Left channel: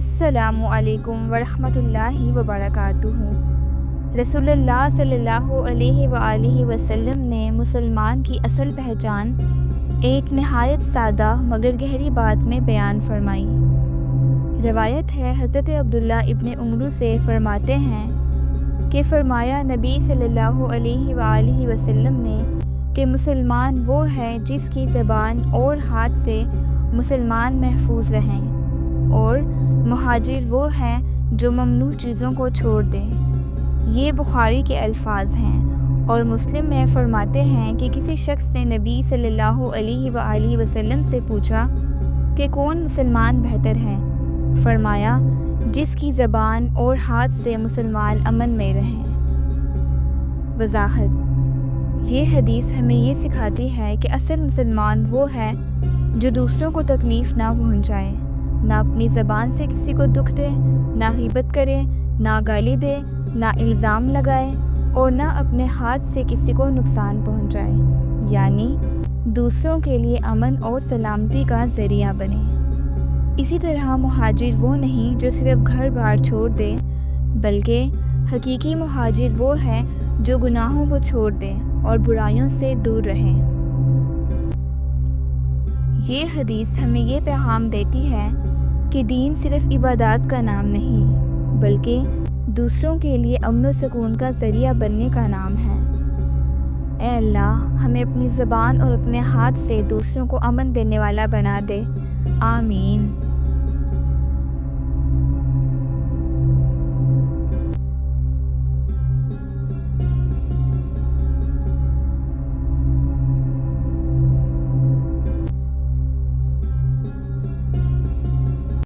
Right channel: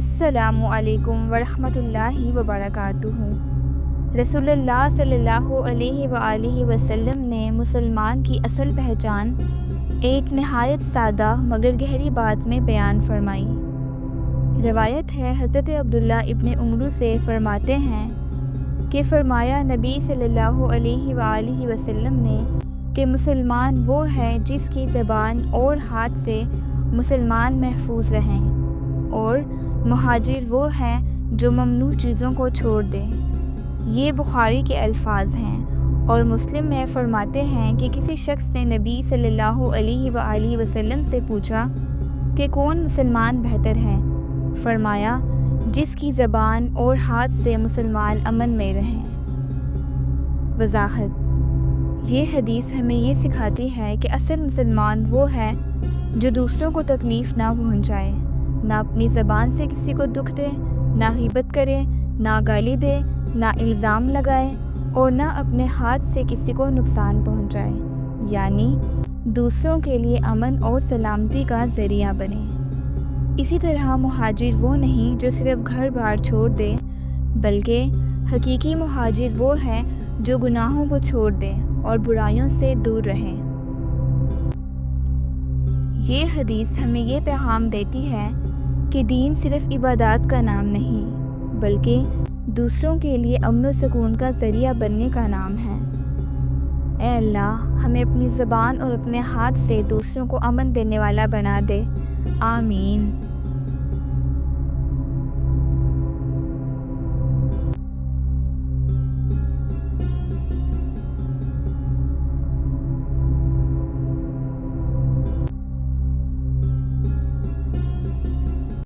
السلام علیکم ورحمۃ اللہ وبرکاتہ۔ رسول اللہ صلی اللہ علیہ وآلہ وسلم نے مسلمان کی اصل پہچان ایک نہایت سادہ مگر گہری بات میں بیان فرمائی۔ روایت ہے حضرت عبداللہ ابن عمرو سے فرماتے ہیں کہ فرمایا نبی صلی اللہ علیہ وآلہ وسلم نے کہ مسلمان وہ ہے جس کی زبان اور ہاتھ سے مسلمان محفوظ رہیں، اور مہاجر وہ ہیں جو ممنوع چیزوں کو چھوڑ دیں۔ یہ بخاری کے الفاظ ہیں، اور مسلم میں فرماتے ہیں کہ کسی شخص نے نبی صلی اللہ علیہ وآلہ وسلم سے پوچھا کہ کون مسلمان بہتر ہے؟ فرمایا جس کی زبان اور ہاتھ سے مسلمان امن میں رہیں۔ وضاحت: یہ حدیث ہمیں یہ سکھاتی ہے کہ اصل مسلمان وہ ہے جو دوسروں کو تکلیف نہ پہنچائے، نہ اپنی زبان سے کسی کو دکھ دے، نہ غیبت کرے، نہ گالی دے، نہ الزام لگائے، اور نہ اپنے ہاتھ سے کسی کو نقصان پہنچائے، یعنی دوسروں کے لیے امن اور سلامتی کا ذریعہ بنے۔ اسی طرح مہاجر وہ نہیں جو صرف گھر بار چھوڑ دے، بلکہ حقیقی مہاجر وہ ہے جو گناہوں کو چھوڑ دے اور برائیوں سے دور رہے۔ یہ حدیث ہمیں یہ پیغام دیتی ہے کہ دین صرف عبادات کا نام نہیں، بلکہ دوسروں کے لیے امن و سکون کا ذریعہ بننے کا نام ہے۔ اے اللہ، ہمیں اپنی زبان اور اپنے ہاتھ سے دوسروں کو امن دینے والا بنا دے۔ آمین۔